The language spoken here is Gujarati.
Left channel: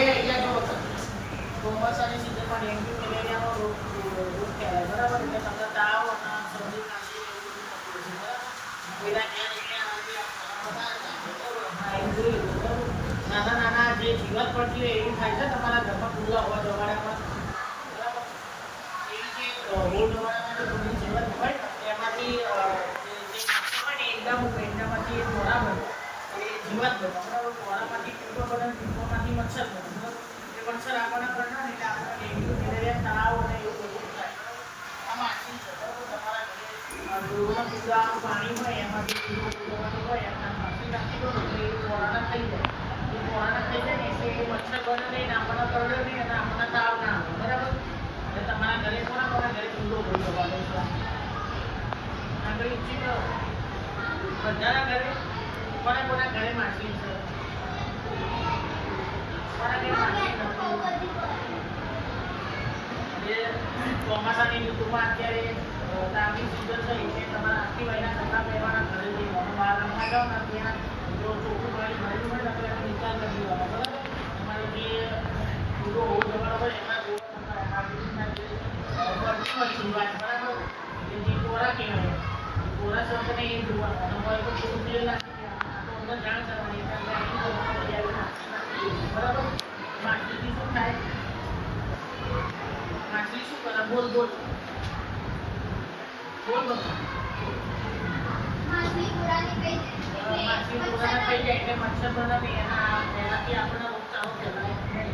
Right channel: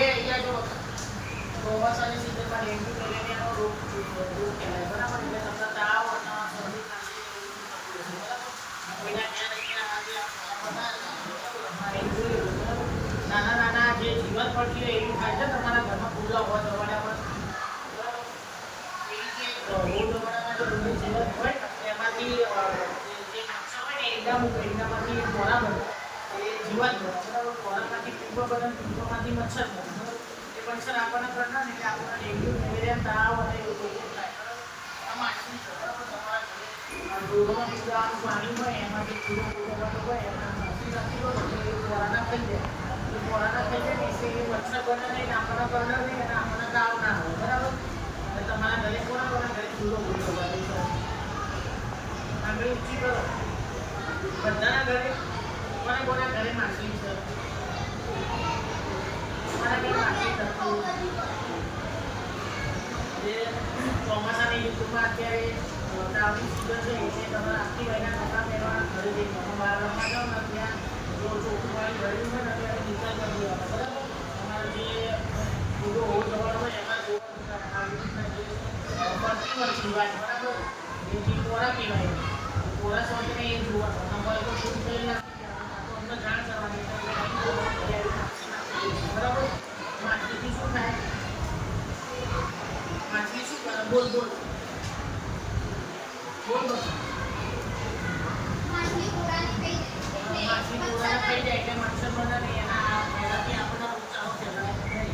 હવે અહીંયા જો ચોમાસાની સિઝનમાં ડેન્ગ્યુ મેલેરિયાનો રોગ ફેલાય બરાબર. એટલે તમને તાવ અને શરદી ખાંસી નાના નાના જે જીવત પડતી હોય એવું થાય છે તમારા ઘરમાં ખુલ્લા હોવા જવાના પર બરાબર. એવી જે હોવા જવાના તો તમને જીવત હોય એમાંથી જે મચ્છર હોય ને ઈંડા મૂકે ઈંડામાંથી એક મોરા બને એ જીવત બને બરાબર. મોરામાંથી પીપો બને પીપોમાંથી મચ્છર બને બરાબર. એ મચ્છર આપણને કરનાર એટલે આપણને ડેન્ગ્યુ મેલેરિયા તાવ અને એવું બધું થાય બરાબર. આ માછલી છે બરાબર. તમારા ઘરે દૂધનો પીવાનું પાણી હોય એમાંથી દૂધો પૂરવાનું હોય એમાં માછલી નાખી દો એટલે એ મોરાના થઈ જાય. મોરાના થઈ જાય ને એટલે એ મચ્છર બને નહીં આપણને કરડે નહીં અને આપણને તાવ ના આવે બરાબર. એટલે તમારા ઘરે કોના ઘરે ચૂલો ભૂલવાનો છે આગળ ઊંચી કરો બધાના ઘરે કોના ઘરે માછલી છે કોના ઘરે માછલી જે ચોમાસાની ઋતુમાં અત્યારે તાવની સિઝન છે એટલે તમારા આખી ભાઈના કપડાં પહેરવાના ઘરે જઈને તમે બહાર રમવા જાઓ ને ત્યાં જો ચોખ્ખું પાણી ભર્યું હોય ને તો એને નિકાલ કરી દેવાનો બરાબર. તમારે જે દૂધો હોવો જવાનો હોય એમાં જીવાત બરાબર. એ જે કોરા કહેવાય કોરા છે ને એ જોવાનું અને હોય તો પૂરું તેલ નાખી દેવાનું તો અમને જાણ કરવાની બરાબર. માછલીથી શું થાય માછલી શું કરે બોલ માછલી પુરાની થઈ જાય એટલે મચ્છર બને ને એનાથી આપણને રોગચાળો ફેલાય નહીં.